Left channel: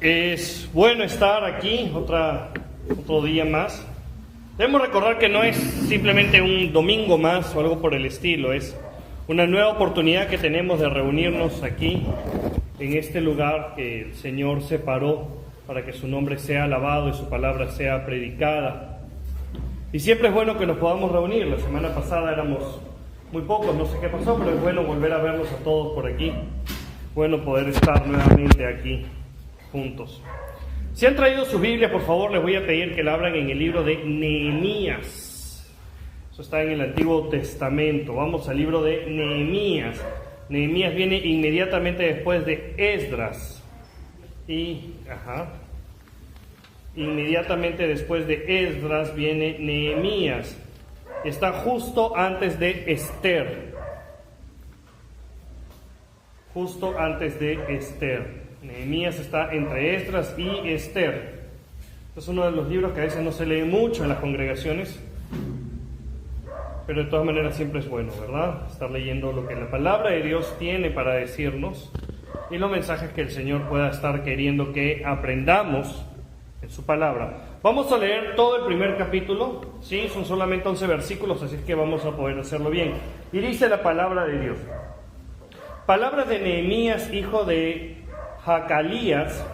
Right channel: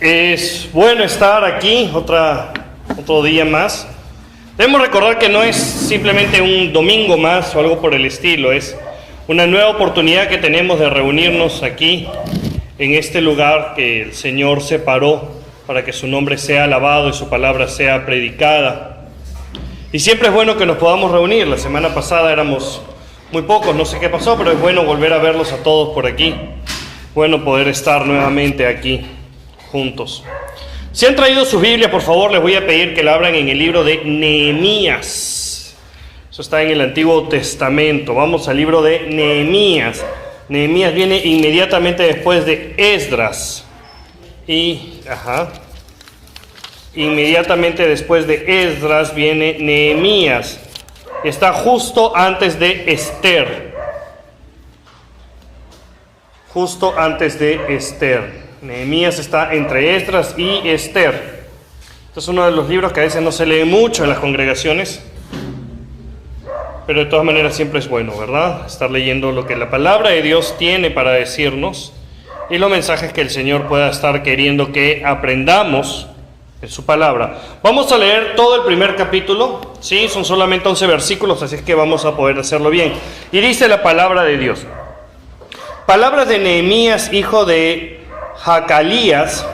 Es bueno estar aquí otro día más. Debemos recordar que no es simplemente un domingo más o algo por el estilo, es una nueva oportunidad que tenemos de reunirnos aquí, en este lugar que el Señor separó para que su nombre sea alabado y su palabra sea predicada. Y siempre es bueno que nos podamos reunir. La semana pasada éramos muy pocos, no sé qué pasó, pero es bueno volver a verlos a todos por aquí. Bueno poder estar nuevamente aquí juntos. Si han traído sus Biblias, por favor, les voy a pedir que la abran en el libro de Nehemías. Eso está en el Antiguo Testamento. Vamos al libro de Nehemías. Nehemías viene inmediatamente después de Esdras. Inmediatamente después de Esdras viene Nehemías. Está justo antes de Esther. Justo antes de Esther. Nehemías está entre Esdras y Esther. Este es uno de los libros que a veces no se lee mucho en las congregaciones, pero de todas maneras siempre es bueno, ¿verdad? Estar leyendo lo que la palabra de Dios tiene para decirnos y los mensajes que el Señor pueda estar queriendo que aprendamos en su palabra. Vamos a leer todo el primer capítulo, sí, son solamente 11 versículos, así es que vamos a poder hacerlo bien. Y dice la palabra de Dios. Palabras de Nehemías, hijo de Hacalías.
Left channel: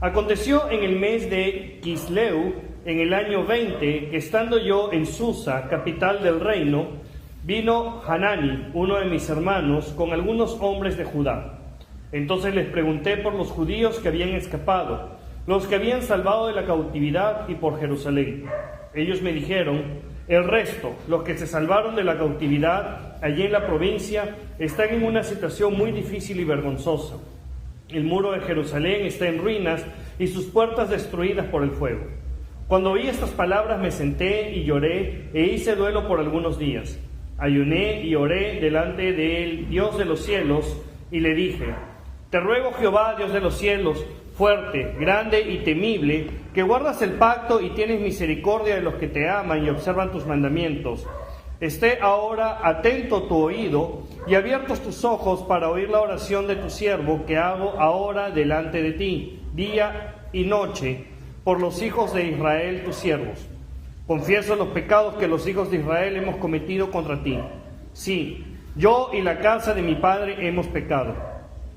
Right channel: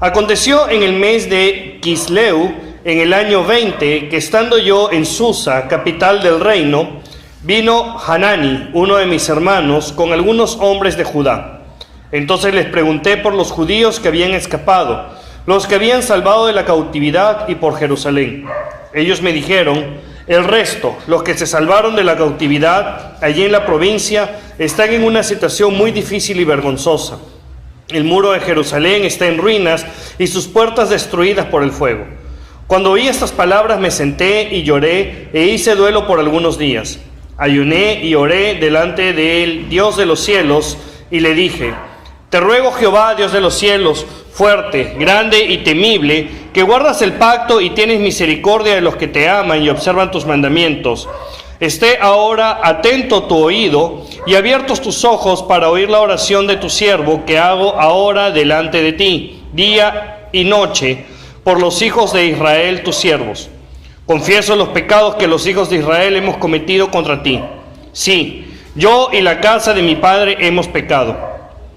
Aconteció en el mes de Quisleu, en el año 20, que estando yo en Susa, capital del reino, vino Hanani, uno de mis hermanos, con algunos hombres de Judá. Entonces les pregunté por los judíos que habían escapado, los que habían salvado de la cautividad y por Jerusalén. Ellos me dijeron: el resto, los que se salvaron de la cautividad allí en la provincia, están en una situación muy difícil y vergonzosa. El muro de Jerusalén está en ruinas y sus puertas destruidas por el fuego. Cuando oí estas palabras me senté y lloré e hice duelo por algunos días. Ayuné y oré delante del Dios de los cielos y le dije: te ruego, Jehová, Dios de los cielos, fuerte, grande y temible, que guardas el pacto y tienes misericordia de los que te aman y observan tus mandamientos. Esté ahora atento tu oído y abiertos tus ojos para oír la oración de tu siervo que hago ahora delante de ti, día y noche, por los hijos de Israel, tus siervos. Confieso los pecados que los hijos de Israel hemos cometido contra ti. Sí, yo y la casa de mi padre hemos pecado.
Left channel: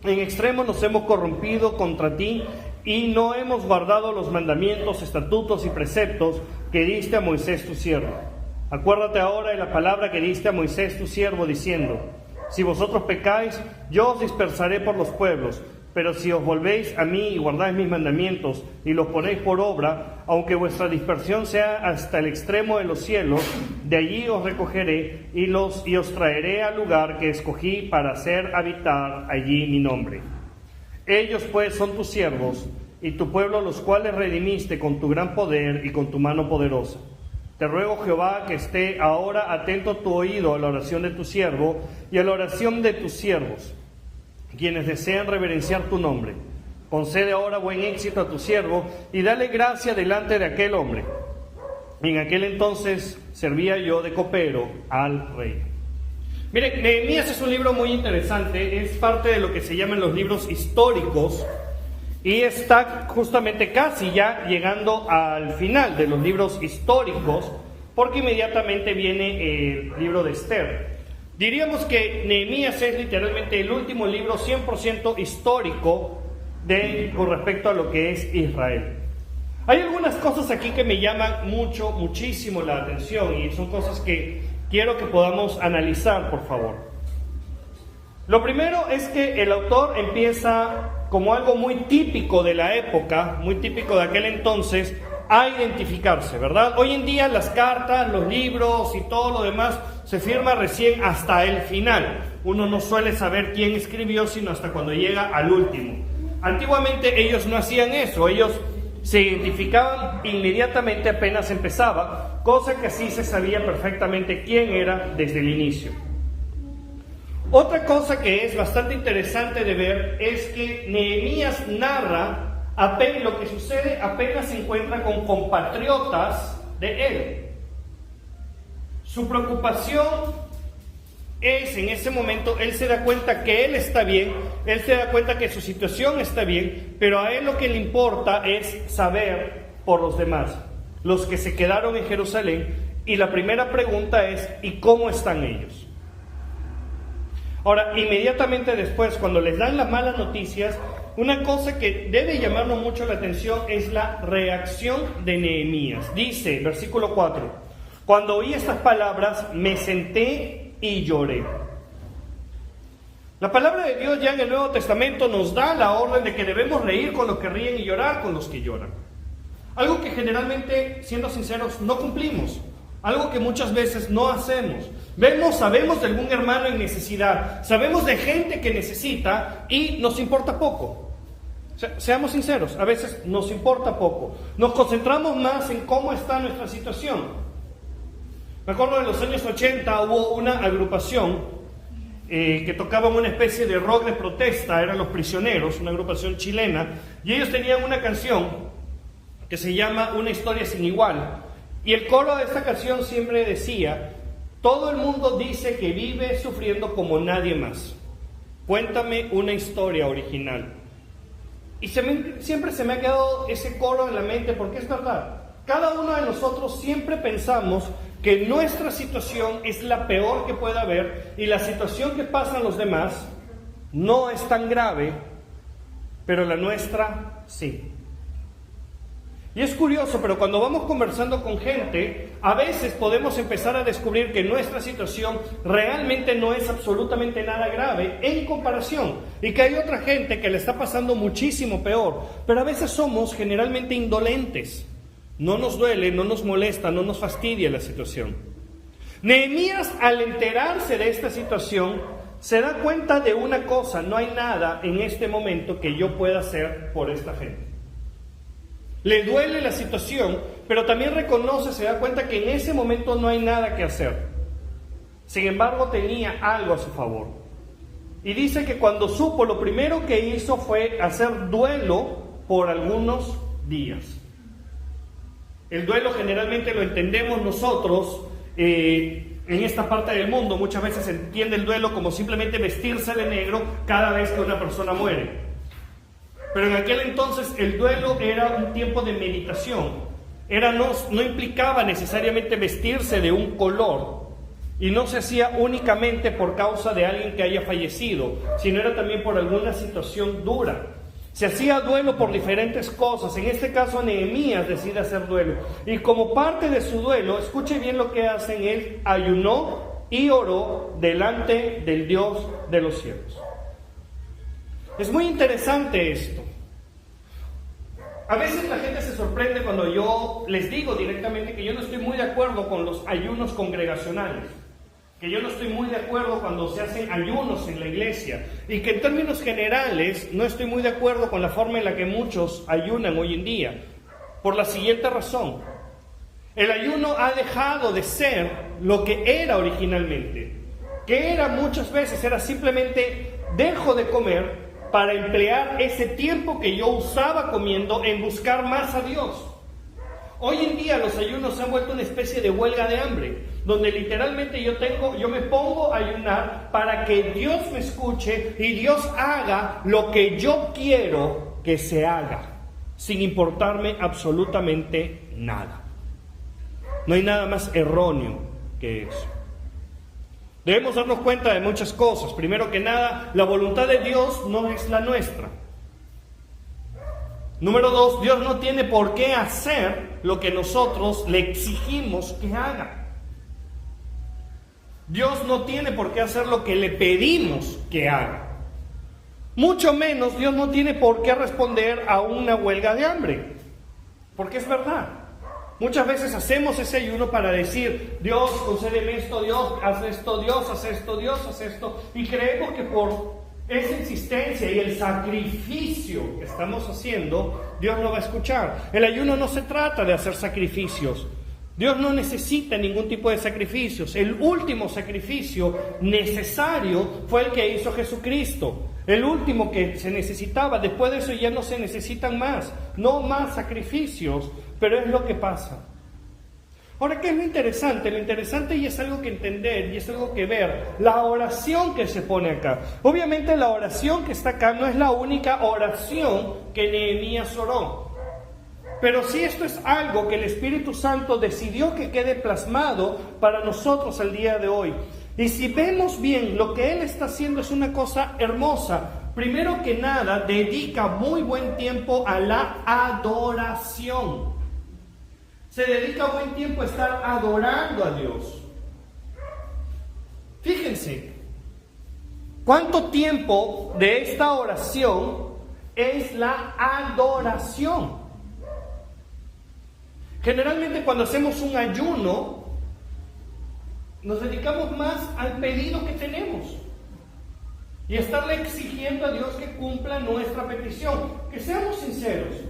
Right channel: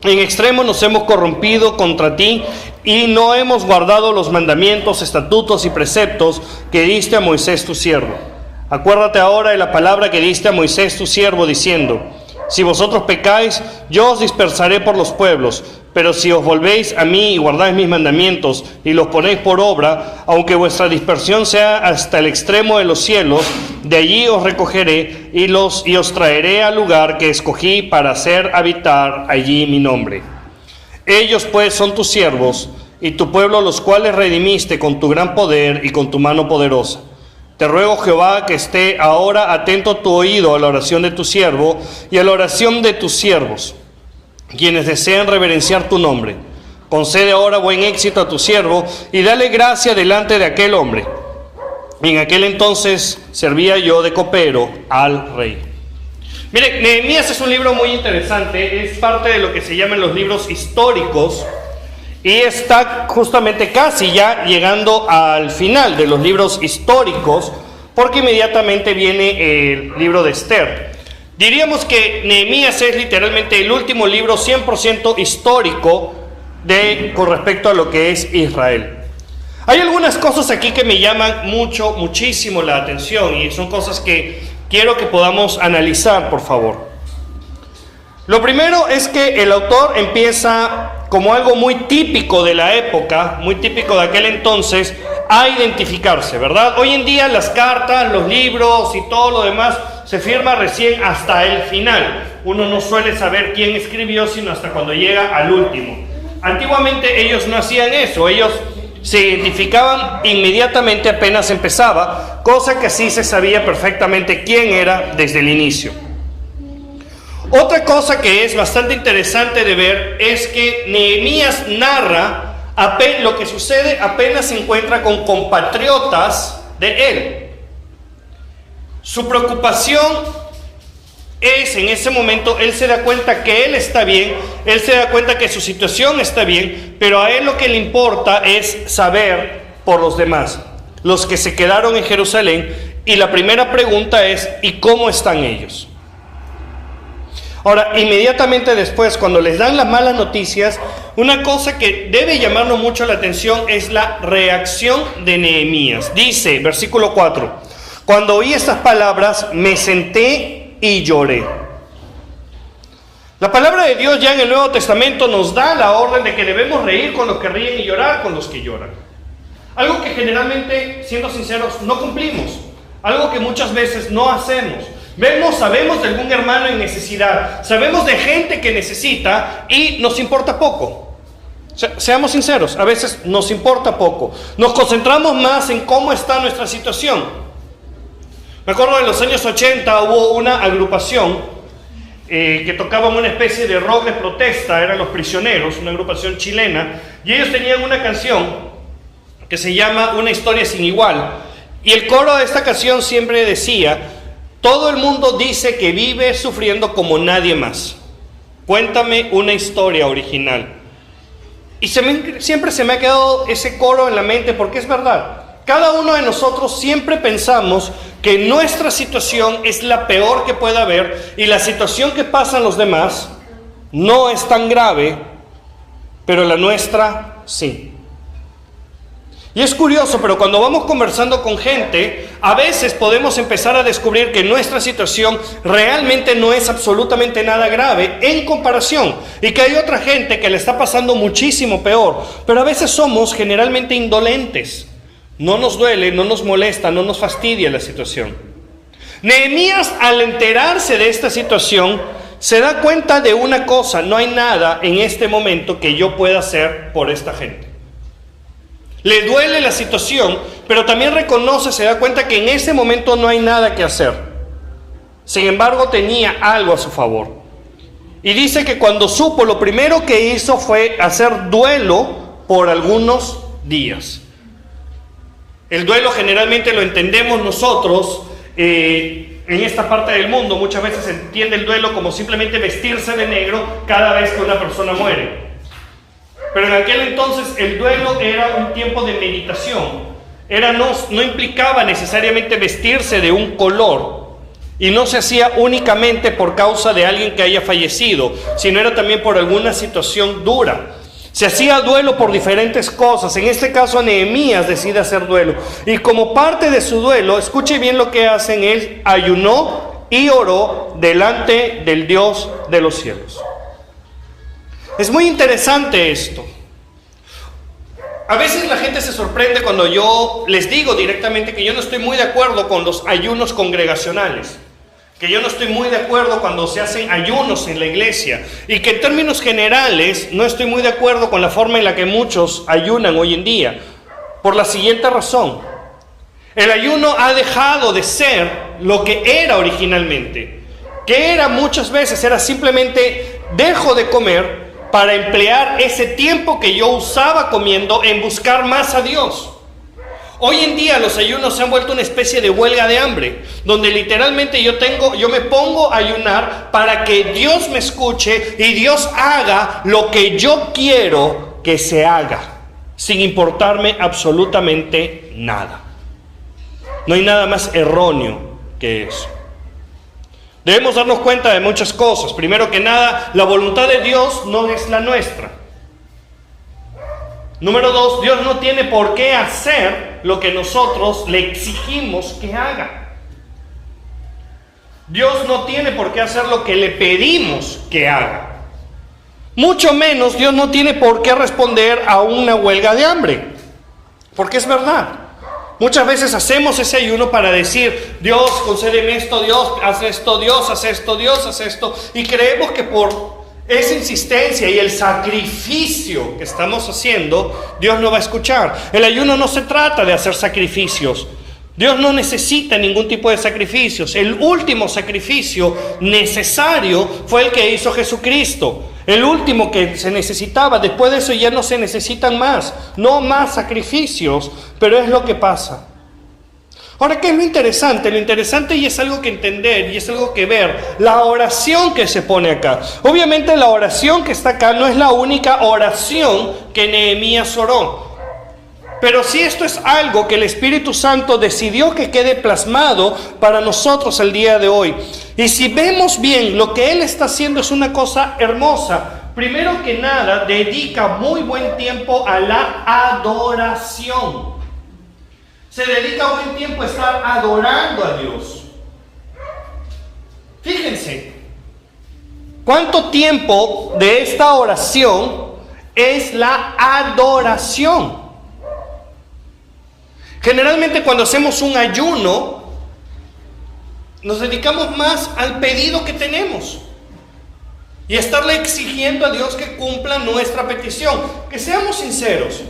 En extremo nos hemos corrompido contra ti y no hemos guardado los mandamientos, estatutos y preceptos que diste a Moisés tu siervo. Acuérdate ahora de la palabra que diste a Moisés tu siervo, diciendo: si vosotros pecáis, yo os dispersaré por los pueblos, pero si os volvéis a mí y guardáis mis mandamientos y los ponéis por obra, aunque vuestra dispersión sea hasta el extremo de los cielos, de allí os recogeré y os traeré al lugar que escogí para hacer habitar allí mi nombre. Ellos pues son tus siervos y tu pueblo, los cuales redimiste con tu gran poder y con tu mano poderosa. Te ruego, Jehová, que esté ahora atento tu oído a la oración de tu siervo y a la oración de tus siervos, quienes desean reverenciar tu nombre. Concede ahora buen éxito a tu siervo y dale gracia delante de aquel hombre. En aquel entonces servía yo de copero al rey. Mire, Nehemías es un libro muy interesante, es parte de lo que se llaman los libros históricos. Y está justamente casi ya llegando al final de los libros históricos, porque inmediatamente viene el libro de Esther. Diríamos que Nehemías es literalmente el último libro 100% histórico con respecto a lo que es Israel. Hay algunas cosas aquí que me llaman muchísimo la atención y son cosas que quiero que podamos analizar, por favor. Lo primero es que el autor empieza como algo muy típico de la época, muy típico de aquel entonces, a identificarse, ¿verdad? Hoy en día las cartas, los libros y todo lo demás se firma recién hasta el final. Uno no suele saber quién escribió sino hasta cuando llega al último. Antiguamente ellos no hacían eso, ellos se identificaban inmediatamente apenas empezaba, cosa que sí se sabía perfectamente quién era desde el inicio. Otra cosa que es bastante interesante de ver es que Nehemías narra lo que sucede apenas se encuentra con compatriotas de él. Su preocupación En ese momento, él se da cuenta que él está bien, él se da cuenta que su situación está bien, pero a él lo que le importa es saber por los demás, los que se quedaron en Jerusalén, y la primera pregunta es, ¿y cómo están ellos? Ahora, inmediatamente después, cuando les dan las malas noticias, una cosa que debe llamarnos mucho la atención es la reacción de Nehemías. Dice, versículo 4, cuando oí estas palabras, me senté y lloré. La palabra de Dios ya en el Nuevo Testamento nos da la orden de que debemos reír con los que ríen y llorar con los que lloran. Algo que generalmente, siendo sinceros, no cumplimos. Algo que muchas veces no hacemos. Sabemos de algún hermano en necesidad, sabemos de gente que necesita y nos importa poco. Seamos sinceros, a veces nos importa poco. Nos concentramos más en cómo está nuestra situación. Me acuerdo en los años 80 hubo una agrupación que tocaban una especie de rock de protesta, eran Los Prisioneros, una agrupación chilena, y ellos tenían una canción que se llama Una historia sin igual. Y el coro de esta canción siempre decía, todo el mundo dice que vive sufriendo como nadie más. Cuéntame una historia original. Y siempre se me ha quedado ese coro en la mente porque es verdad. Cada uno de nosotros siempre pensamos que nuestra situación es la peor que pueda haber y la situación que pasan los demás no es tan grave, pero la nuestra sí. Y es curioso, pero cuando vamos conversando con gente, a veces podemos empezar a descubrir que nuestra situación realmente no es absolutamente nada grave en comparación, y que hay otra gente que le está pasando muchísimo peor, pero a veces somos generalmente indolentes. No nos duele, no nos molesta, no nos fastidia la situación. Nehemías, al enterarse de esta situación, se da cuenta de una cosa: no hay nada en este momento que yo pueda hacer por esta gente. Le duele la situación, pero también reconoce, se da cuenta que en ese momento no hay nada que hacer. Sin embargo, tenía algo a su favor. Y dice que cuando supo, lo primero que hizo fue hacer duelo por algunos días. El duelo generalmente lo entendemos nosotros en esta parte del mundo. Muchas veces se entiende el duelo como simplemente vestirse de negro cada vez que una persona muere. Pero en aquel entonces el duelo era un tiempo de meditación. No implicaba necesariamente vestirse de un color. Y no se hacía únicamente por causa de alguien que haya fallecido, sino era también por alguna situación dura. Se hacía duelo por diferentes cosas. En este caso, Nehemías decide hacer duelo. Y como parte de su duelo, escuche bien lo que hacen: él ayunó y oró delante del Dios de los cielos. Es muy interesante esto. A veces la gente se sorprende cuando yo les digo directamente que yo no estoy muy de acuerdo con los ayunos congregacionales, que yo no estoy muy de acuerdo cuando se hacen ayunos en la iglesia, y que en términos generales no estoy muy de acuerdo con la forma en la que muchos ayunan hoy en día, por la siguiente razón: el ayuno ha dejado de ser lo que era originalmente, que era muchas veces, era simplemente dejo de comer para emplear ese tiempo que yo usaba comiendo en buscar más a Dios. Hoy en día los ayunos se han vuelto una especie de huelga de hambre, donde literalmente yo me pongo a ayunar para que Dios me escuche y Dios haga lo que yo quiero que se haga, sin importarme absolutamente nada. No hay nada más erróneo que eso. Debemos darnos cuenta de muchas cosas. Primero que nada, la voluntad de Dios no es la nuestra. Número 2, Dios no tiene por qué hacer lo que nosotros le exigimos que haga. Dios no tiene por qué hacer lo que le pedimos que haga. Mucho menos Dios no tiene por qué responder a una huelga de hambre. Porque es verdad. Muchas veces hacemos ese ayuno para decir: Dios, concédeme esto, Dios, haz esto, Dios, haz esto, Dios, haz esto. Y creemos que por esa insistencia y el sacrificio que estamos haciendo, Dios no va a escuchar. El ayuno no se trata de hacer sacrificios. Dios no necesita ningún tipo de sacrificios. El último sacrificio necesario fue el que hizo Jesucristo. El último que se necesitaba. Después de eso ya no se necesitan más. No más sacrificios. Pero es lo que pasa. Ahora, ¿qué es lo interesante? Lo interesante, y es algo que entender y es algo que ver, la oración que se pone acá. Obviamente la oración que está acá no es la única oración que Nehemías oró. Pero sí, esto es algo que el Espíritu Santo decidió que quede plasmado para nosotros el día de hoy. Y si vemos bien, lo que Él está haciendo es una cosa hermosa. Primero que nada, dedica muy buen tiempo a la adoración. Se dedica buen tiempo a estar adorando a Dios. Fíjense, ¿cuánto tiempo de esta oración es la adoración? Generalmente cuando hacemos un ayuno, nos dedicamos más al pedido que tenemos y a estarle exigiendo a Dios que cumpla nuestra petición. Que seamos sinceros,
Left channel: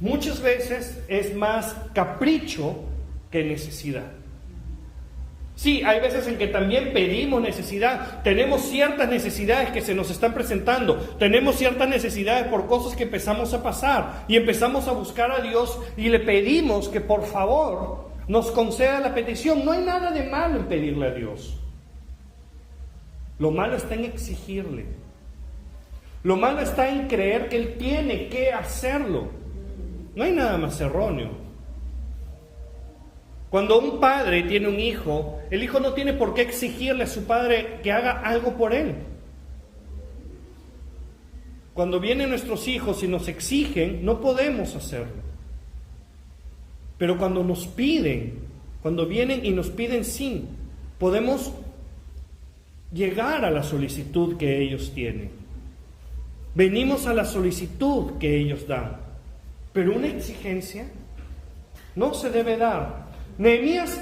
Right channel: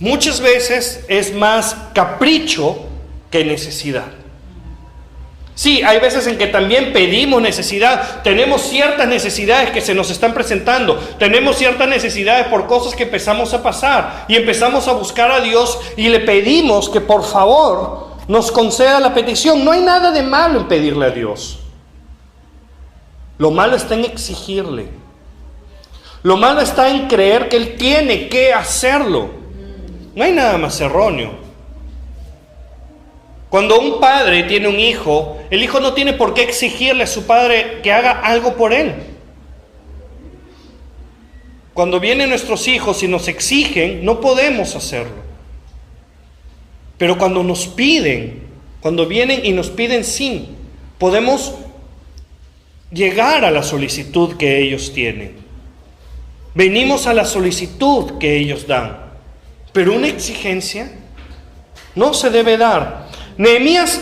muchas veces es más capricho que necesidad. Sí, hay veces en que también pedimos necesidad, tenemos ciertas necesidades que se nos están presentando, tenemos ciertas necesidades por cosas que empezamos a pasar y empezamos a buscar a Dios y le pedimos que por favor nos conceda la petición. No hay nada de malo en pedirle a Dios. Lo malo está en exigirle. Lo malo está en creer que Él tiene que hacerlo. No hay nada más erróneo. Cuando un padre tiene un hijo, el hijo no tiene por qué exigirle a su padre que haga algo por él. Cuando vienen nuestros hijos y nos exigen, no podemos hacerlo. Pero cuando nos piden, cuando vienen y nos piden sí, podemos llegar a la solicitud que ellos tienen. Venimos a la solicitud que ellos dan. Pero una exigencia no se debe dar. Nehemías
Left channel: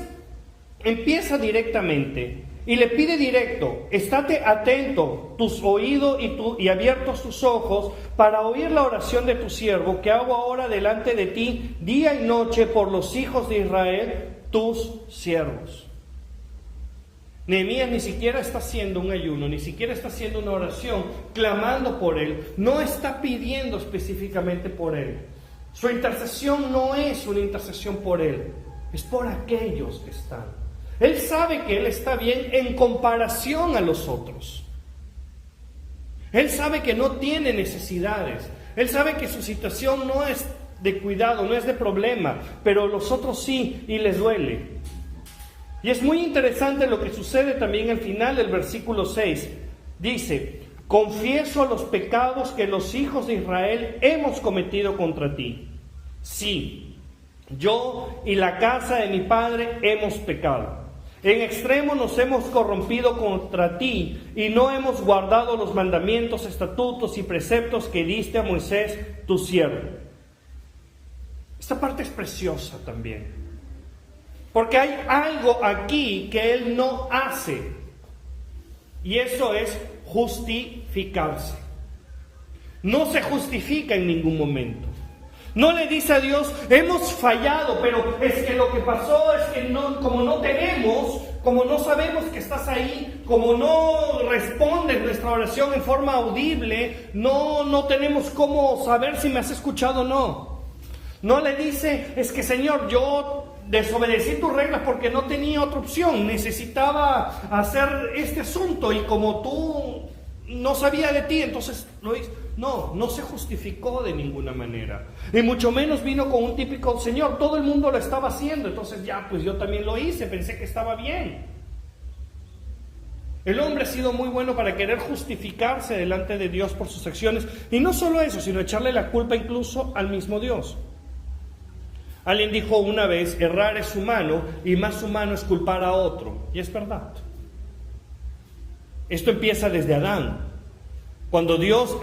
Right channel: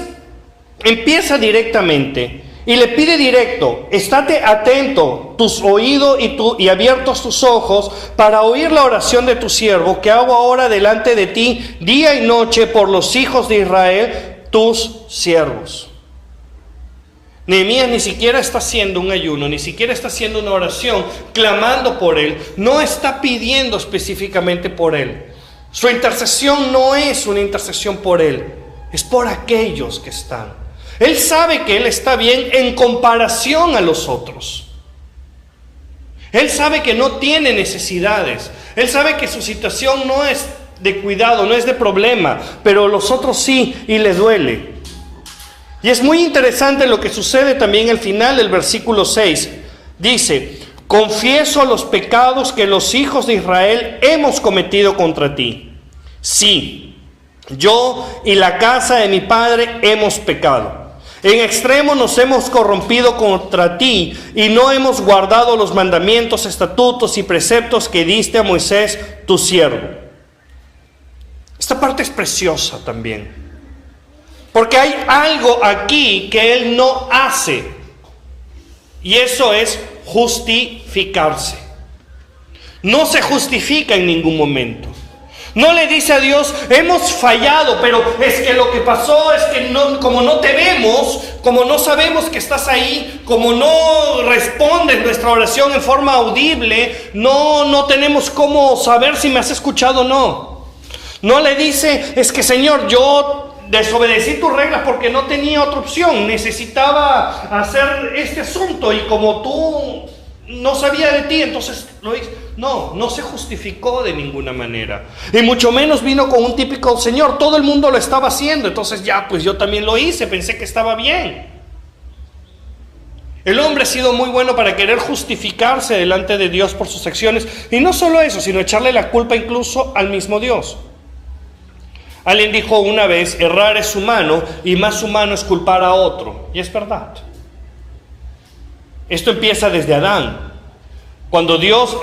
empieza directamente y le pide directo: estate atento, tus oídos y abiertos tus ojos para oír la oración de tu siervo que hago ahora delante de ti día y noche por los hijos de Israel, tus siervos. Nehemías ni siquiera está haciendo un ayuno, ni siquiera está haciendo una oración clamando por él, no está pidiendo específicamente por él. Su intercesión no es una intercesión por él, es por aquellos que están. Él sabe que él está bien en comparación a los otros. Él sabe que no tiene necesidades. Él sabe que su situación no es de cuidado, no es de problema, pero los otros sí, y le duele. Y es muy interesante lo que sucede también al final del versículo 6. Dice: confieso los pecados que los hijos de Israel hemos cometido contra ti. Sí, yo y la casa de mi padre hemos pecado. En extremo nos hemos corrompido contra ti y no hemos guardado los mandamientos, estatutos y preceptos que diste a Moisés, tu siervo. Esta parte es preciosa también, porque hay algo aquí que él no hace, y eso es justificarse. No se justifica en ningún momento. No le dice a Dios: hemos fallado, pero es que lo que pasó es que no, como no te vemos, como no sabemos que estás ahí, como no respondes nuestra oración en forma audible, no tenemos cómo saber si me has escuchado o no. No le dice: es que Señor, yo desobedecí tus reglas porque no tenía otra opción, necesitaba hacer este asunto y como tú no sabía de ti, entonces lo hice. No se justificó de ninguna manera. Y mucho menos vino con un típico: Señor, todo el mundo lo estaba haciendo, entonces ya, pues yo también lo hice, pensé que estaba bien. El hombre ha sido muy bueno para querer justificarse delante de Dios por sus acciones. Y no solo eso, sino echarle la culpa incluso al mismo Dios. Alguien dijo una vez: errar es humano y más humano es culpar a otro. Y es verdad. Esto empieza desde Adán. Cuando Dios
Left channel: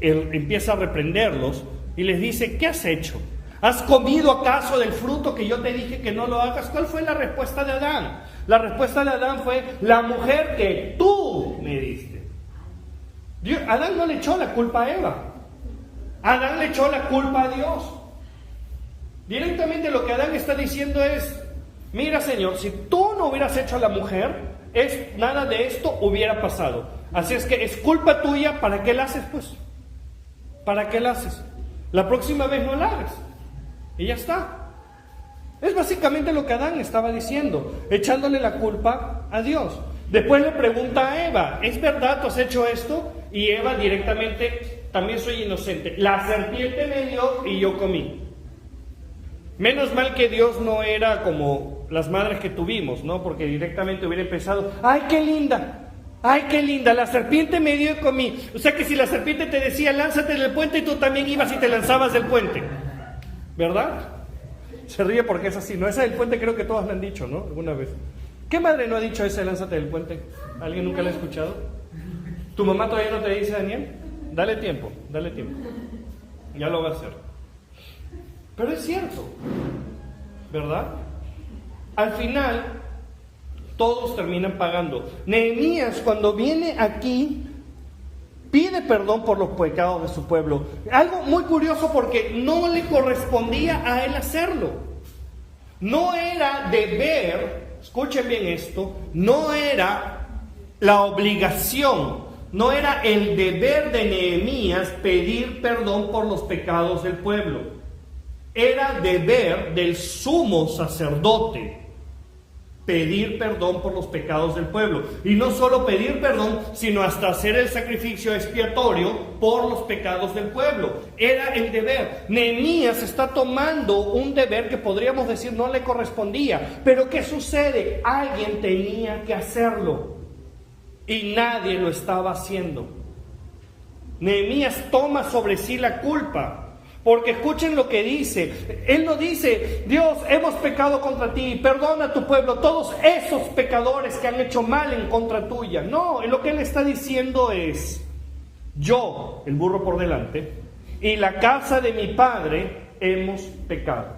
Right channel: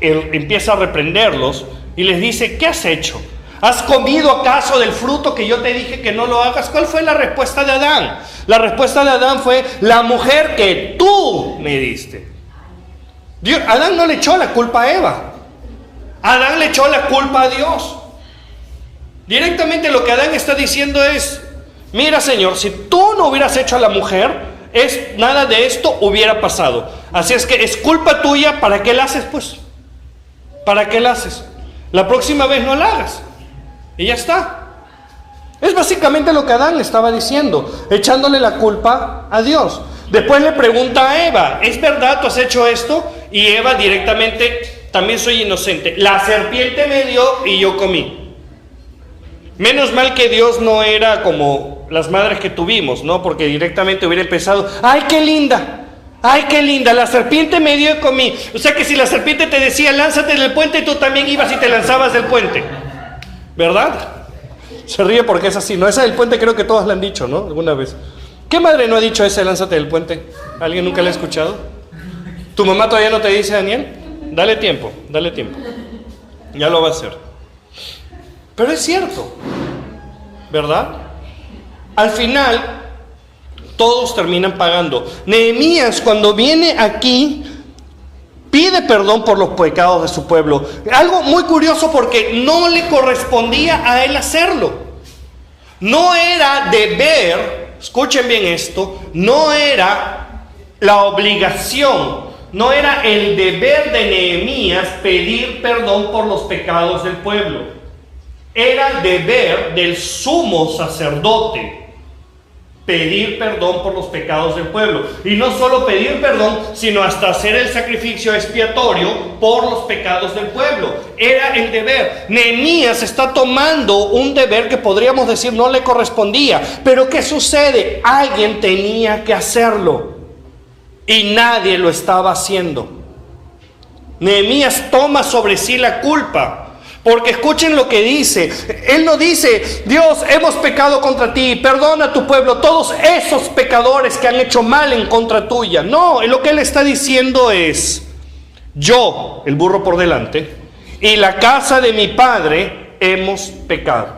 empieza a reprenderlos y les dice: ¿qué has hecho? ¿Has comido acaso del fruto que yo te dije que no lo hagas? ¿Cuál fue la respuesta de Adán? La respuesta de Adán fue: la mujer que tú me diste. Adán no le echó la culpa a Eva. Adán le echó la culpa a Dios. Directamente lo que Adán está diciendo es: mira, Señor, si tú no hubieras hecho a la mujer, nada de esto hubiera pasado. Así es que es culpa tuya. ¿Para qué la haces, pues? ¿Para qué la haces? La próxima vez no la hagas y ya está. Es básicamente lo que Adán le estaba diciendo, echándole la culpa a Dios. Después le pregunta a Eva, ¿es verdad tú has hecho esto? Y Eva directamente, también soy inocente. La serpiente me dio y yo comí. Menos mal que Dios no era como las madres que tuvimos, ¿no? Porque directamente hubiera empezado, ¡ay, qué linda! ¡Ay, qué linda! La serpiente me dio y comí. O sea que si la serpiente te decía, lánzate del puente, tú también ibas y te lanzabas del puente. ¿Verdad? Se ríe porque es así, ¿no? Esa del puente creo que todos la han dicho, ¿no? Alguna vez. ¿Qué madre no ha dicho ese lánzate del puente? ¿Alguien nunca la ha escuchado? ¿Tu mamá todavía no te dice, Daniel? Dale tiempo, dale tiempo. Ya lo va a hacer. Pero es cierto, ¿verdad? Al final, todos terminan pagando. Nehemías, cuando viene aquí, pide perdón por los pecados de su pueblo. Algo muy curioso porque no le correspondía a él hacerlo. No era deber, escuchen bien esto, no era la obligación, no era el deber de Nehemías pedir perdón por los pecados del pueblo. Era el deber del sumo sacerdote pedir perdón por los pecados del pueblo. Y no solo pedir perdón, sino hasta hacer el sacrificio expiatorio por los pecados del pueblo. Era el deber. Nehemías está tomando un deber que podríamos decir no le correspondía. Pero ¿qué sucede? Alguien tenía que hacerlo. Y nadie lo estaba haciendo. Nehemías toma sobre sí la culpa. Porque escuchen lo que dice. Él no dice, Dios, hemos pecado contra ti, perdona a tu pueblo, todos esos pecadores que han hecho mal en contra tuya. No, lo que él está diciendo es, yo, el burro por delante, y la casa de mi padre hemos pecado.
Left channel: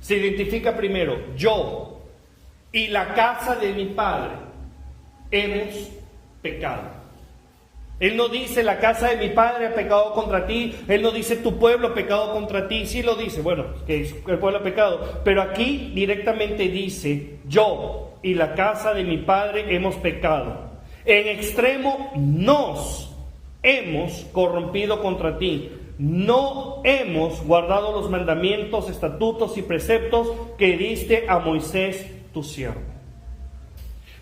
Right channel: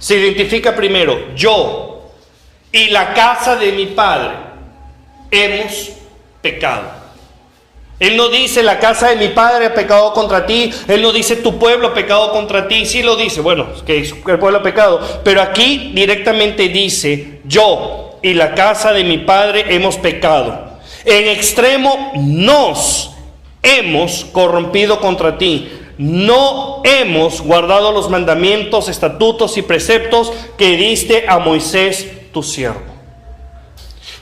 Se identifica primero, yo y la casa de mi padre hemos pecado. Él no dice, la casa de mi padre ha pecado contra ti. Él no dice, tu pueblo ha pecado contra ti. Sí lo dice, bueno, que el pueblo ha pecado. Pero aquí directamente dice, yo y la casa de mi padre hemos pecado. En extremo nos hemos corrompido contra ti. No hemos guardado los mandamientos, estatutos y preceptos que diste a Moisés tu siervo.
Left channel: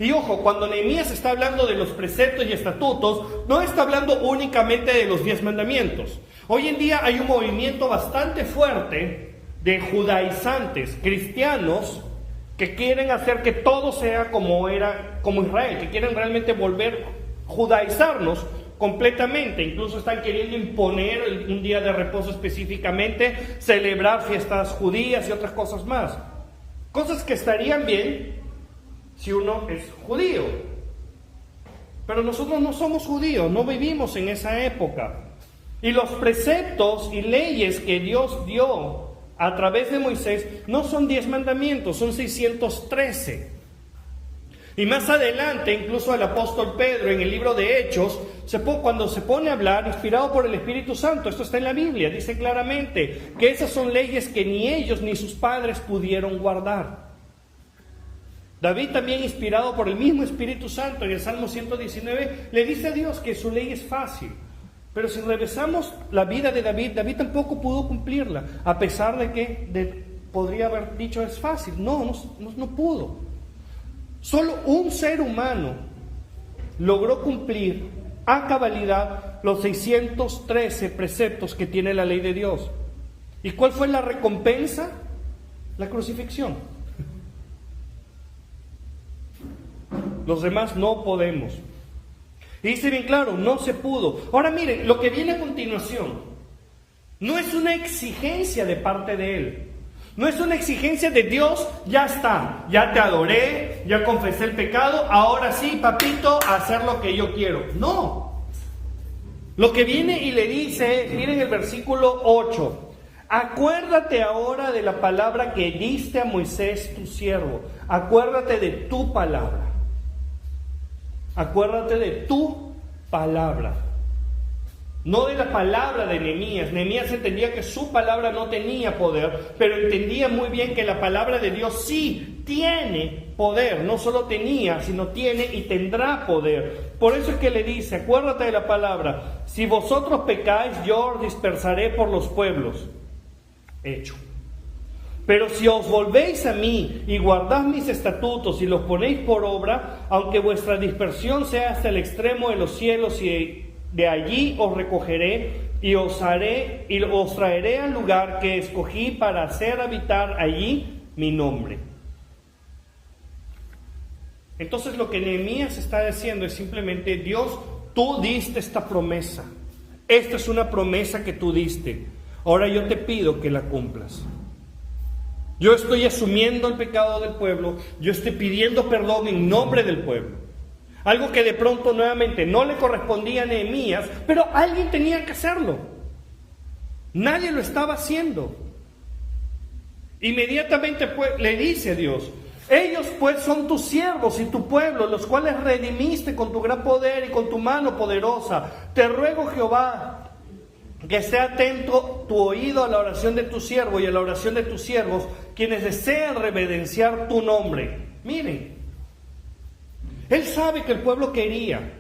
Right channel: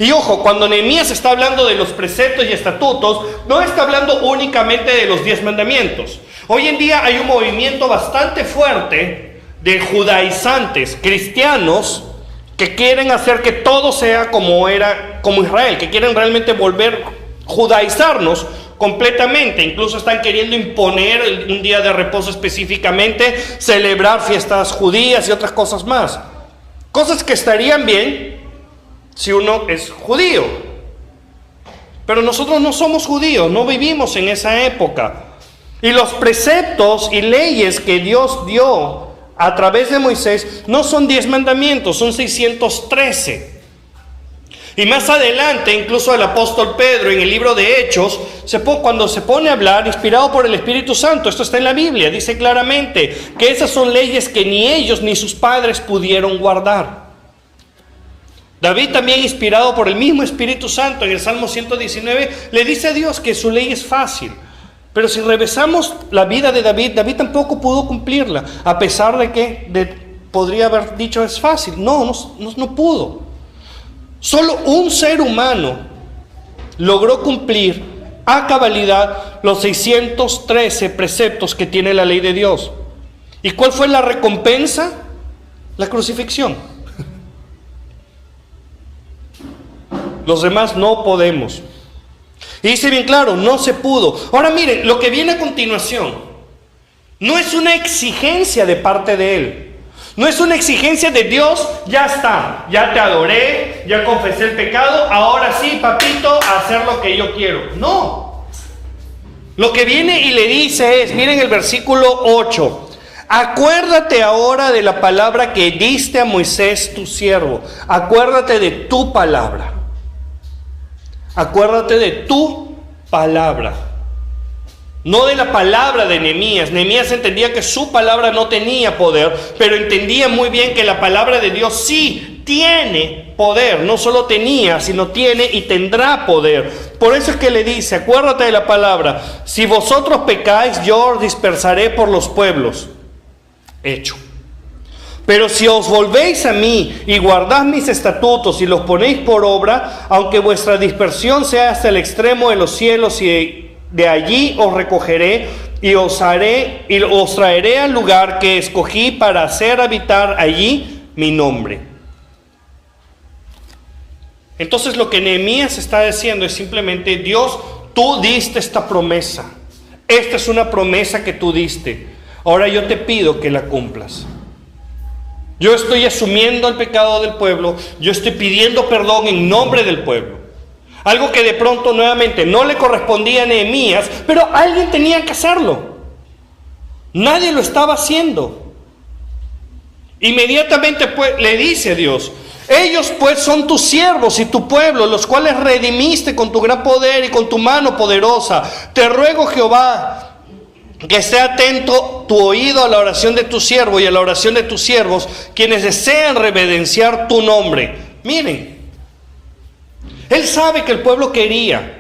Y ojo, cuando Nehemías está hablando de los preceptos y estatutos, no está hablando únicamente de los 10 mandamientos. Hoy en día hay un movimiento bastante fuerte de judaizantes, cristianos, que quieren hacer que todo sea como Israel, que quieren realmente judaizarnos completamente. Incluso están queriendo imponer un día de reposo específicamente, celebrar fiestas judías y otras cosas más. Cosas que estarían bien si uno es judío. Pero nosotros no somos judíos, no vivimos en esa época. Y los preceptos y leyes que Dios dio a través de Moisés no son 10 mandamientos, son 613. Y más adelante, incluso el apóstol Pedro en el libro de Hechos, cuando se pone a hablar, inspirado por el Espíritu Santo, esto está en la Biblia, dice claramente que esas son leyes que ni ellos ni sus padres pudieron guardar. David también, inspirado por el mismo Espíritu Santo, en el Salmo 119, le dice a Dios que su ley es fácil. Pero si revisamos la vida de David, David tampoco pudo cumplirla, a pesar de que podría haber dicho es fácil. No pudo. Solo un ser humano logró cumplir a cabalidad los 613 preceptos que tiene la ley de Dios. ¿Y cuál fue la recompensa? La crucifixión. Los demás no podemos. Y dice bien claro, no se pudo. Ahora miren, lo que viene a continuación no es una exigencia de parte de él. No es una exigencia de Dios, ya está, ya te adoré, ya confesé el pecado, ahora sí, papito, a hacer lo que yo quiero. No. Lo que viene y le dice es, miren el versículo 8. Acuérdate ahora de la palabra que diste a Moisés tu siervo. Acuérdate de tu palabra. Acuérdate de tu palabra. No de la palabra de Nehemías. Nehemías entendía que su palabra no tenía poder, pero entendía muy bien que la palabra de Dios sí tiene poder. No solo tenía, sino tiene y tendrá poder. Por eso es que le dice, acuérdate de la palabra. Si vosotros pecáis, yo os dispersaré por los pueblos. Hecho. Pero si os volvéis a mí y guardad mis estatutos y los ponéis por obra, aunque vuestra dispersión sea hasta el extremo de los cielos, y de allí os recogeré y os traeré al lugar que escogí para hacer habitar allí mi nombre. Entonces lo que Nehemías está diciendo es simplemente: Dios, tú diste esta promesa. Esta es una promesa que tú diste. Ahora yo te pido que la cumplas. Yo estoy asumiendo el pecado del pueblo, yo estoy pidiendo perdón en nombre del pueblo. Algo que de pronto nuevamente no le correspondía a Nehemías, pero alguien tenía que hacerlo. Nadie lo estaba haciendo. Inmediatamente pues le dice Dios: ellos pues son tus siervos y tu pueblo, los cuales redimiste con tu gran poder y con tu mano poderosa. Te ruego, Jehová, que esté atento tu oído a la oración de tu siervo y a la oración de tus siervos, quienes desean reverenciar tu nombre. Miren, él sabe que el pueblo quería.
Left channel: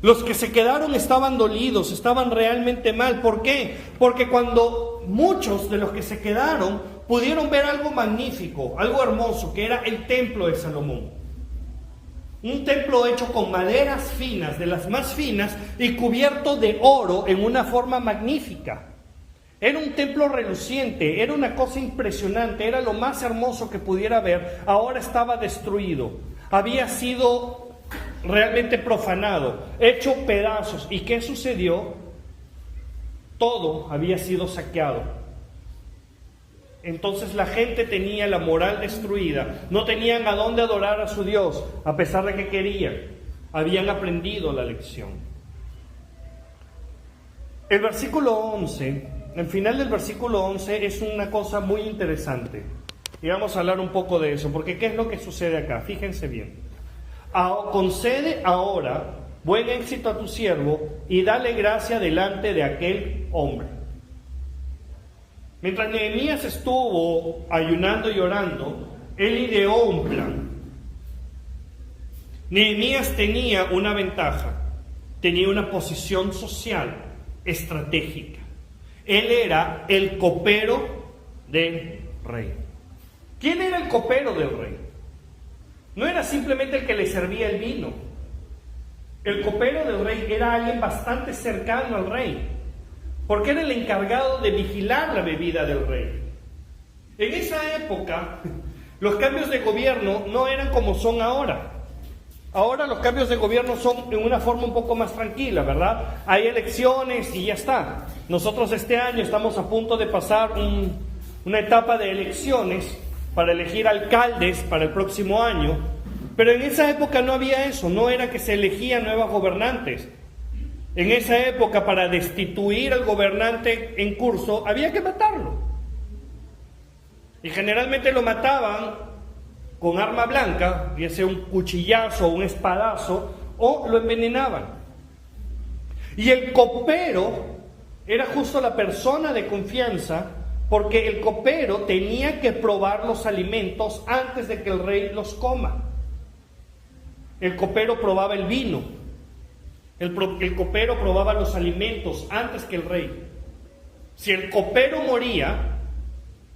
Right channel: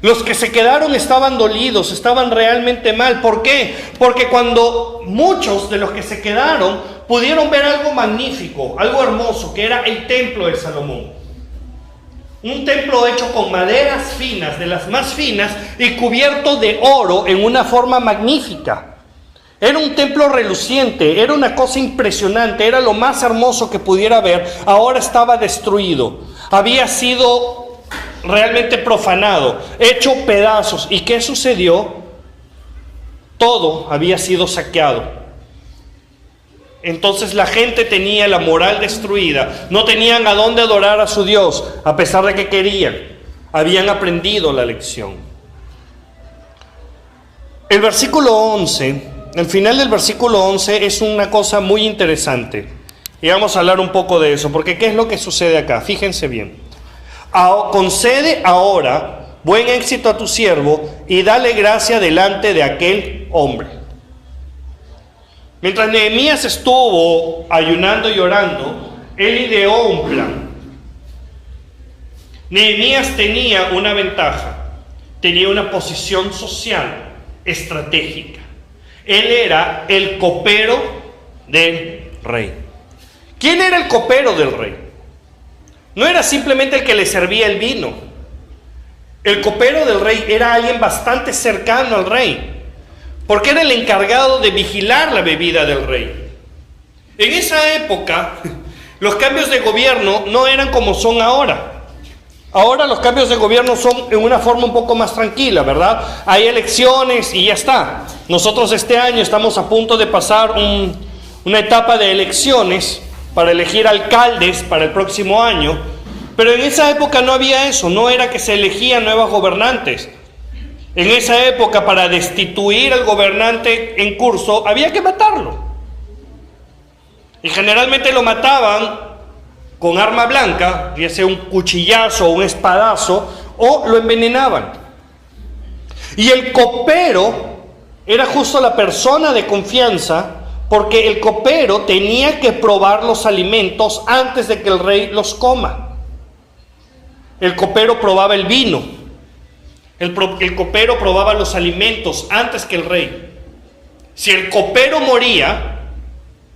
Los que se quedaron estaban dolidos, estaban realmente mal. ¿Por qué? Porque cuando muchos de los que se quedaron pudieron ver algo magnífico, algo hermoso, que era el templo de Salomón. Un templo hecho con maderas finas, de las más finas, y cubierto de oro en una forma magnífica. Era un templo reluciente, era una cosa impresionante, era lo más hermoso que pudiera ver. Ahora estaba destruido, había sido realmente profanado, hecho pedazos. ¿Y qué sucedió? Todo había sido saqueado. Entonces la gente tenía la moral destruida, no tenían a dónde adorar a su Dios, a pesar de que querían. Habían aprendido la lección. El versículo 11, el final del versículo 11 es una cosa muy interesante. Y vamos a hablar un poco de eso, porque ¿qué es lo que sucede acá? Fíjense bien. Concede ahora buen éxito a tu siervo y dale gracia delante de aquel hombre. Mientras Nehemías estuvo ayunando y orando, él ideó un plan. Nehemías tenía una ventaja, tenía una posición social estratégica. Él era el copero del rey. ¿Quién era el copero del rey? No era simplemente el que le servía el vino. El copero del rey era alguien bastante cercano al rey, porque era el encargado de vigilar la bebida del rey. En esa época, los cambios de gobierno no eran como son ahora. Ahora los cambios de gobierno son en una forma un poco más tranquila, ¿verdad? Hay elecciones y ya está. Nosotros este año estamos a punto de pasar una etapa de elecciones para elegir alcaldes para el próximo año. Pero en esa época no había eso, no era que se elegían nuevos gobernantes. En esa época, para destituir al gobernante en curso, había que matarlo. Y generalmente lo mataban con arma blanca, ya sea un cuchillazo o un espadazo, o lo envenenaban. Y el copero era justo la persona de confianza, porque el copero tenía que probar los alimentos antes de que el rey los coma. El copero probaba el vino. El copero probaba los alimentos antes que el rey. Si el copero moría,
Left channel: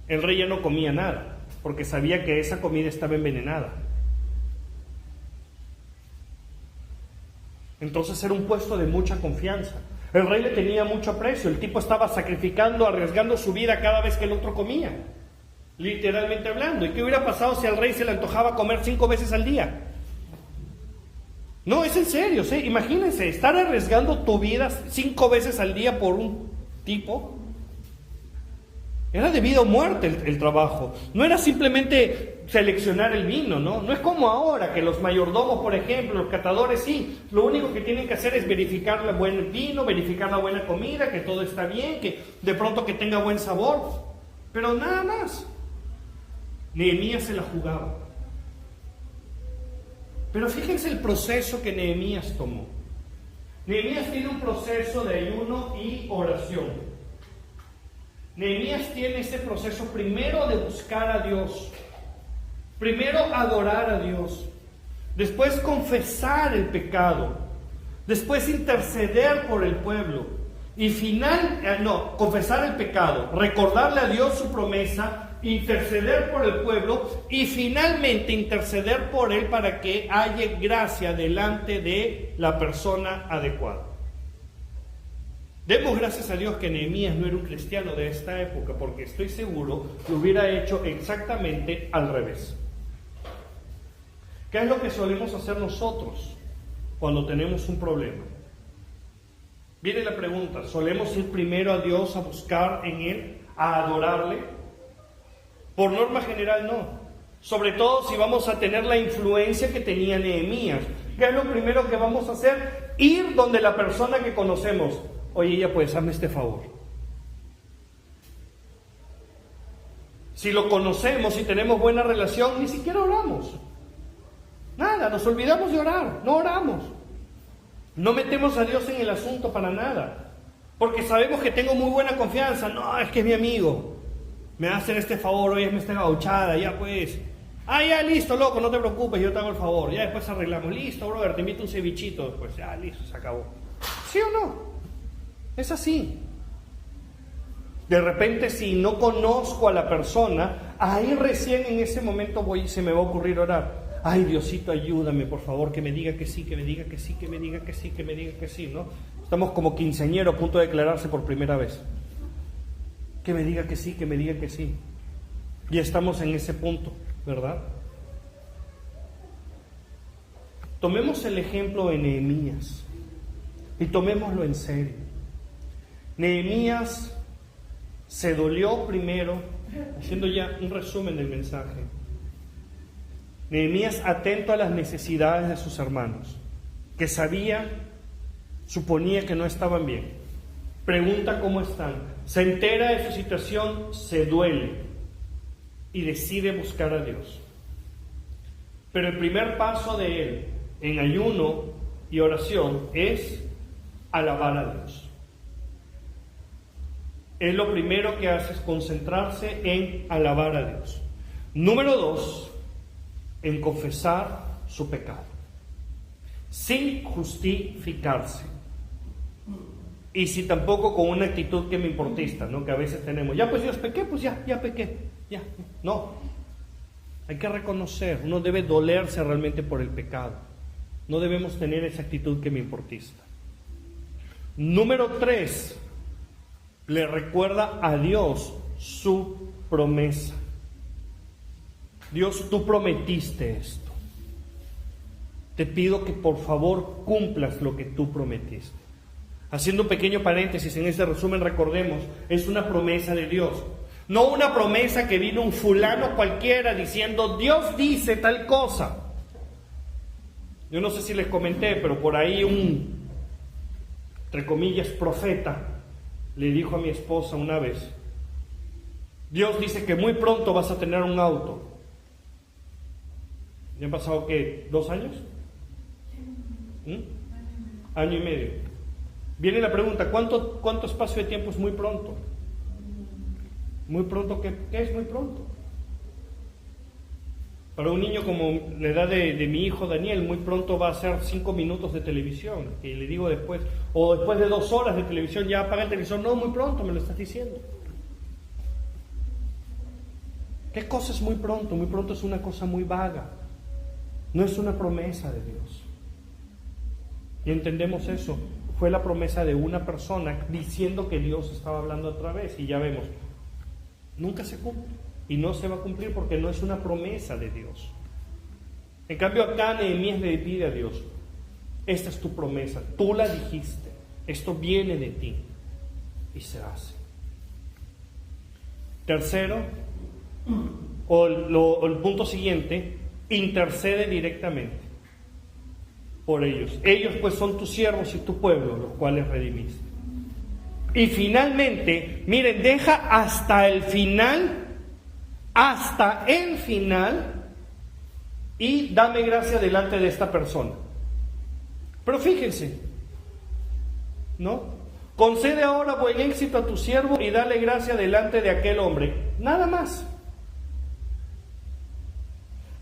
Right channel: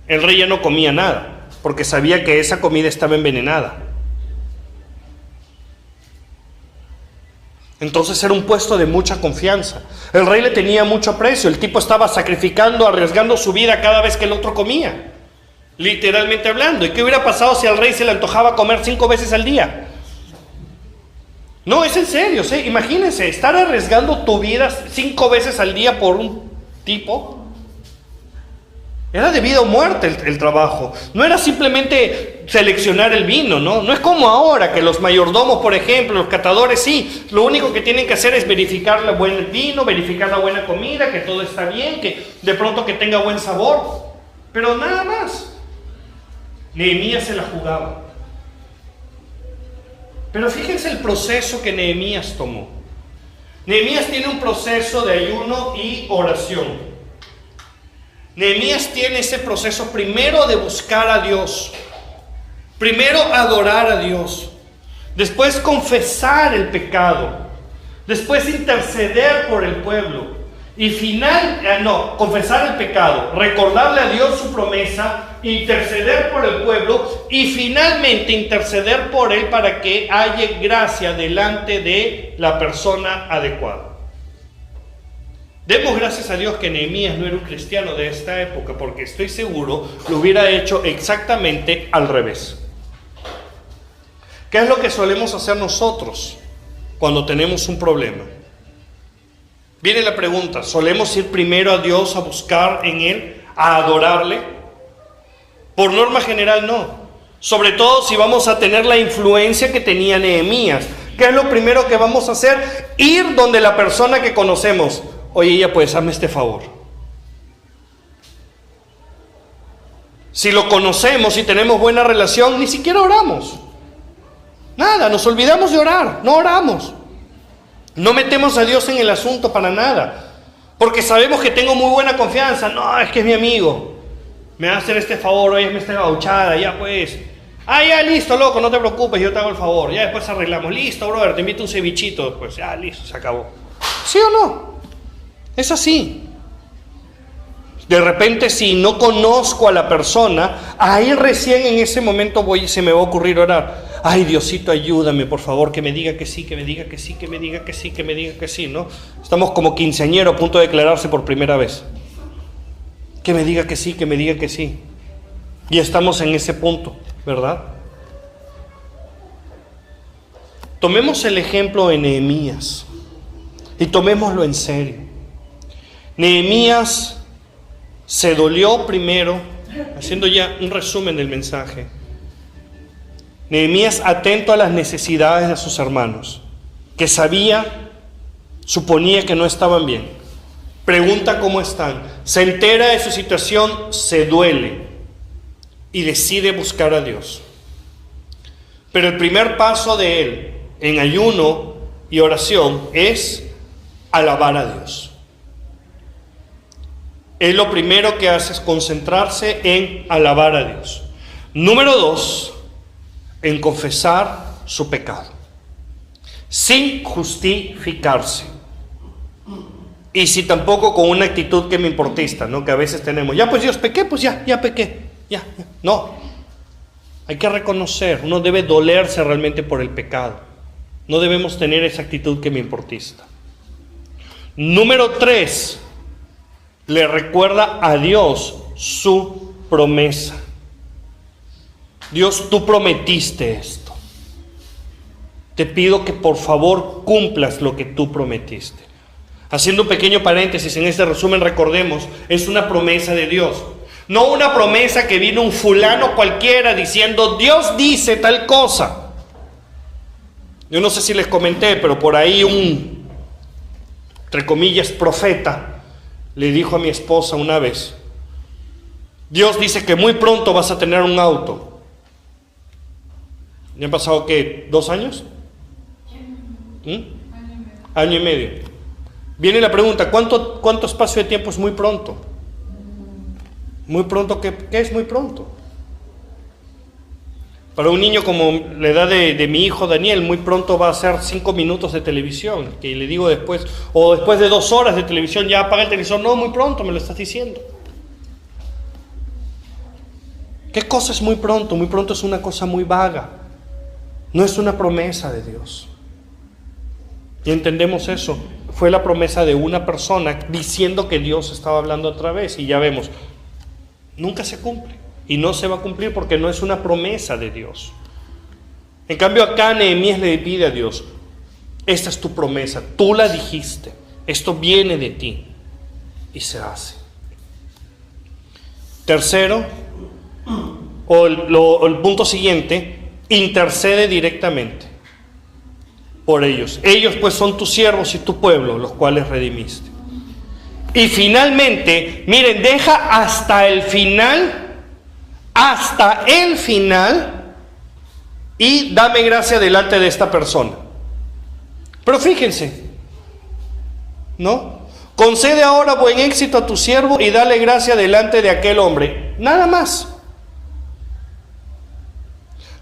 el rey ya no comía nada, porque sabía que esa comida estaba envenenada. Entonces era un puesto de mucha confianza. El rey le tenía mucho aprecio. El tipo estaba sacrificando, arriesgando su vida cada vez que el otro comía, literalmente hablando. ¿Y qué hubiera pasado si al rey se le antojaba comer 5 veces al día? No, es en serio, ¿sí? Imagínense, estar arriesgando tu vida 5 veces al día por un tipo. Era de vida o muerte el trabajo. No era simplemente seleccionar el vino, ¿no? No es como ahora, que los mayordomos, por ejemplo, los catadores, sí, lo único que tienen que hacer es verificar el buen vino, verificar la buena comida, que todo está bien, que de pronto que tenga buen sabor. Pero nada más. Nehemías se la jugaba. Pero fíjense el proceso que Nehemías tomó. Nehemías tiene un proceso de ayuno y oración. Nehemías tiene ese proceso primero de buscar a Dios, primero adorar a Dios, después confesar el pecado, después interceder por el pueblo confesar el pecado, recordarle a Dios su promesa, interceder por el pueblo y finalmente interceder por él para que haya gracia delante de la persona adecuada. Demos gracias a Dios que Nehemías no era un cristiano de esta época, porque estoy seguro lo hubiera hecho exactamente al revés. ¿Qué es lo que solemos hacer nosotros cuando tenemos un problema? Viene la pregunta, ¿solemos ir primero a Dios a buscar en Él, a adorarle? Por norma general no. Sobre todo si vamos a tener la influencia que tenía Nehemías. ¿Qué es lo primero que vamos a hacer? Ir donde la persona que conocemos. Oye, ya pues, hazme este favor. Si lo conocemos y tenemos buena relación, ni siquiera oramos. Nada, nos olvidamos de orar, no oramos. No metemos a Dios en el asunto para nada, porque sabemos que tengo muy buena confianza. No, es que es mi amigo, me va a hacer este favor, oye, me está gauchada, ya pues. Ya listo, loco, no te preocupes, yo te hago el favor, ya después arreglamos. Listo, brother, te invito un cevichito después, ya listo, se acabó. ¿Sí o no? Es así. De repente, si no conozco a la persona, ahí recién en ese momento se me va a ocurrir orar. Ay, Diosito, ayúdame, por favor, que me diga que sí, que me diga que sí, que me diga que sí, que me diga que sí, ¿no? Estamos como quinceañero a punto de declararse por primera vez. Que me diga que sí, que me diga que sí. Y estamos en ese punto, ¿verdad? Tomemos el ejemplo de Nehemías y tomémoslo en serio. Nehemías se dolió primero, haciendo ya un resumen del mensaje. Nehemías atento a las necesidades de sus hermanos, que suponía que no estaban bien. Pregunta cómo están, se entera de su situación, se duele y decide buscar a Dios. Pero el primer paso de él en ayuno y oración es alabar a Dios. Él lo primero que hace es concentrarse en alabar a Dios. Número 2, en confesar su pecado, sin justificarse. Y si tampoco con una actitud que me importista, ¿no? Que a veces tenemos, ya pues Dios pequé, pues ya pequé, ya. No, hay que reconocer, uno debe dolerse realmente por el pecado. No debemos tener esa actitud que me importista. Número 3, le recuerda a Dios su promesa. Dios, tú prometiste esto. Te pido que por favor cumplas lo que tú prometiste. Haciendo un pequeño paréntesis, en este resumen recordemos, es una promesa de Dios. No una promesa que vino un fulano cualquiera diciendo, Dios dice tal cosa. Yo no sé si les comenté, pero por ahí entre comillas, profeta, le dijo a mi esposa una vez, Dios dice que muy pronto vas a tener un auto. ¿Ya han pasado qué? ¿2 años? Año y medio. Viene la pregunta, ¿cuánto espacio de tiempo es muy pronto? Muy pronto, ¿qué es muy pronto? Para un niño como la edad de mi hijo Daniel, muy pronto va a ser 5 minutos de televisión, que le digo después, o después de 2 horas de televisión, ya apaga el televisor. No, muy pronto, me lo estás diciendo. ¿Qué cosa es muy pronto? Muy pronto es una cosa muy vaga. No es una promesa de Dios. Y entendemos eso. Fue la promesa de una persona diciendo que Dios estaba hablando otra vez. Y ya vemos, nunca se cumple. Y no se va a cumplir porque no es una promesa de Dios. En cambio acá Nehemías le pide a Dios, esta es tu promesa, tú la dijiste, esto viene de ti. Y se hace. Tercero, el punto siguiente, intercede directamente por ellos. Ellos pues son tus siervos y tu pueblo, los cuales redimiste. Y finalmente, miren, deja hasta el final y dame gracia delante de esta persona. Pero fíjense, ¿no? Concede ahora buen éxito a tu siervo y dale gracia delante de aquel hombre. Nada más.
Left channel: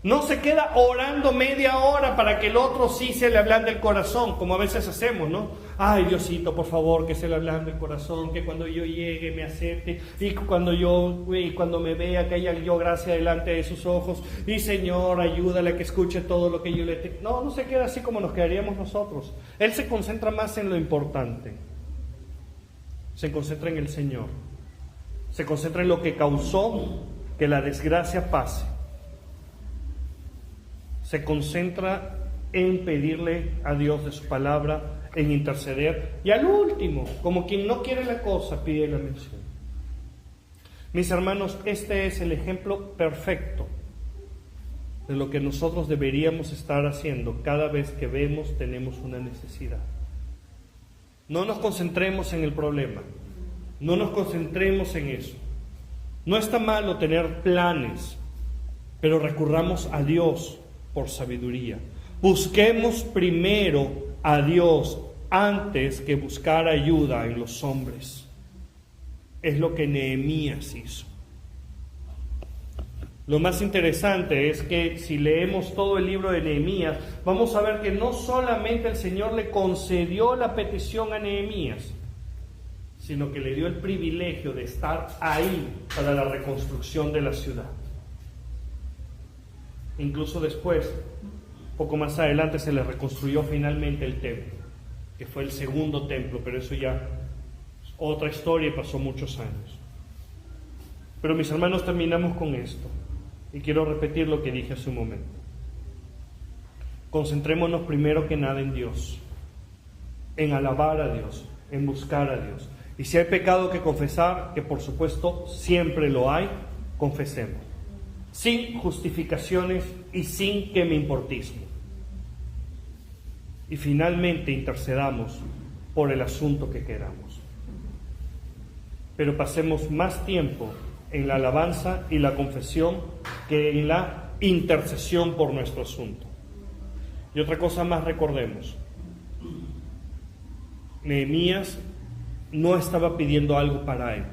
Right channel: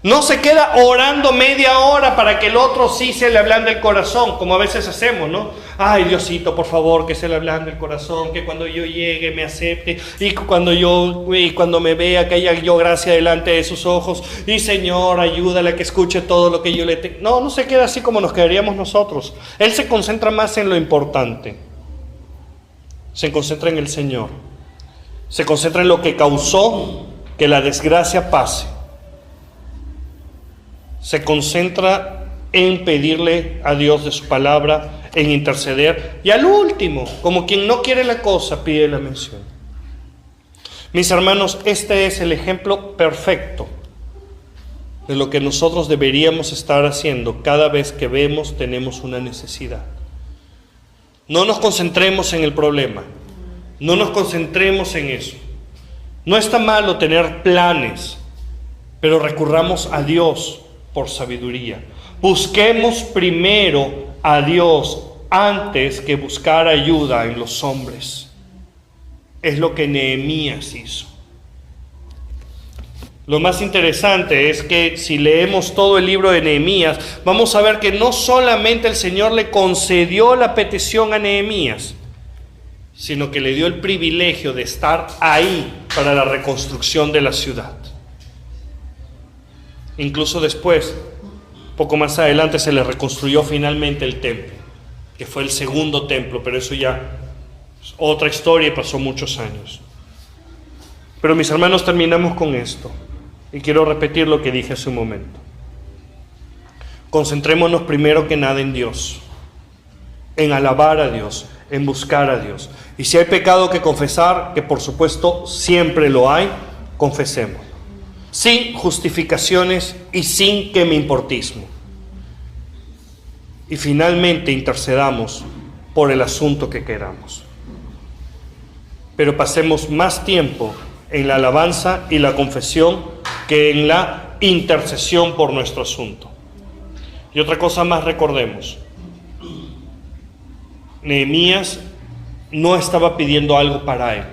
No se queda orando media hora para que el otro sí se le ablande el corazón, como a veces hacemos, ¿no? Ay, Diosito, por favor, que se le ablande el corazón, que cuando yo llegue me acepte, y cuando me vea que haya yo gracia delante de sus ojos, y Señor, ayúdale a que escuche todo lo que yo le tengo. No, no se queda así como nos quedaríamos nosotros. Él se concentra más en lo importante. Se concentra en el Señor. Se concentra en lo que causó que la desgracia pase. Se concentra en pedirle a Dios de su palabra, en interceder, y al último, como quien no quiere la cosa, pide la mención. Mis hermanos, este es el ejemplo perfecto de lo que nosotros deberíamos estar haciendo cada vez que tenemos una necesidad. No nos concentremos en el problema, no nos concentremos en eso. No está malo tener planes, pero recurramos a Dios por sabiduría. Busquemos primero a Dios antes que buscar ayuda en los hombres. Es lo que Nehemías hizo. Lo más interesante es que si leemos todo el libro de Nehemías, vamos a ver que no solamente el Señor le concedió la petición a Nehemías, sino que le dio el privilegio de estar ahí para la reconstrucción de la ciudad. Incluso después, poco más adelante, se le reconstruyó finalmente el templo, que fue el segundo templo, pero eso ya es otra historia y pasó muchos años. Pero mis hermanos, terminamos con esto, y quiero repetir lo que dije hace un momento. Concentrémonos primero que nada en Dios, en alabar a Dios, en buscar a Dios. Y si hay pecado que confesar, que por supuesto siempre lo hay, confesemos. Sin justificaciones y sin que me importismo. Y finalmente intercedamos por el asunto que queramos. Pero pasemos más tiempo en la alabanza y la confesión que en la intercesión por nuestro asunto. Y otra cosa más, recordemos. Nehemías no estaba pidiendo algo para él.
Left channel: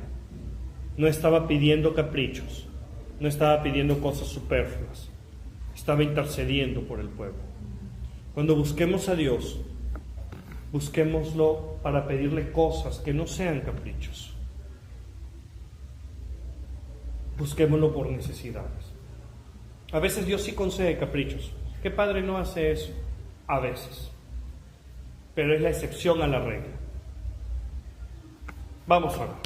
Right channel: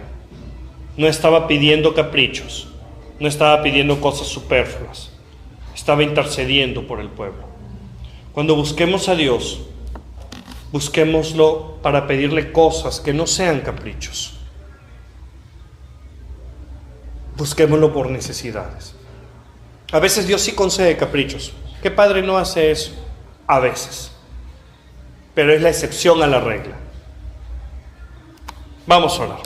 No estaba pidiendo caprichos. No estaba pidiendo cosas superfluas, estaba intercediendo por el pueblo. Cuando busquemos a Dios, busquémoslo para pedirle cosas que no sean caprichos. Busquémoslo por necesidades. A veces Dios sí concede caprichos. ¿Qué padre no hace eso? A veces. Pero es la excepción a la regla. Vamos a orar.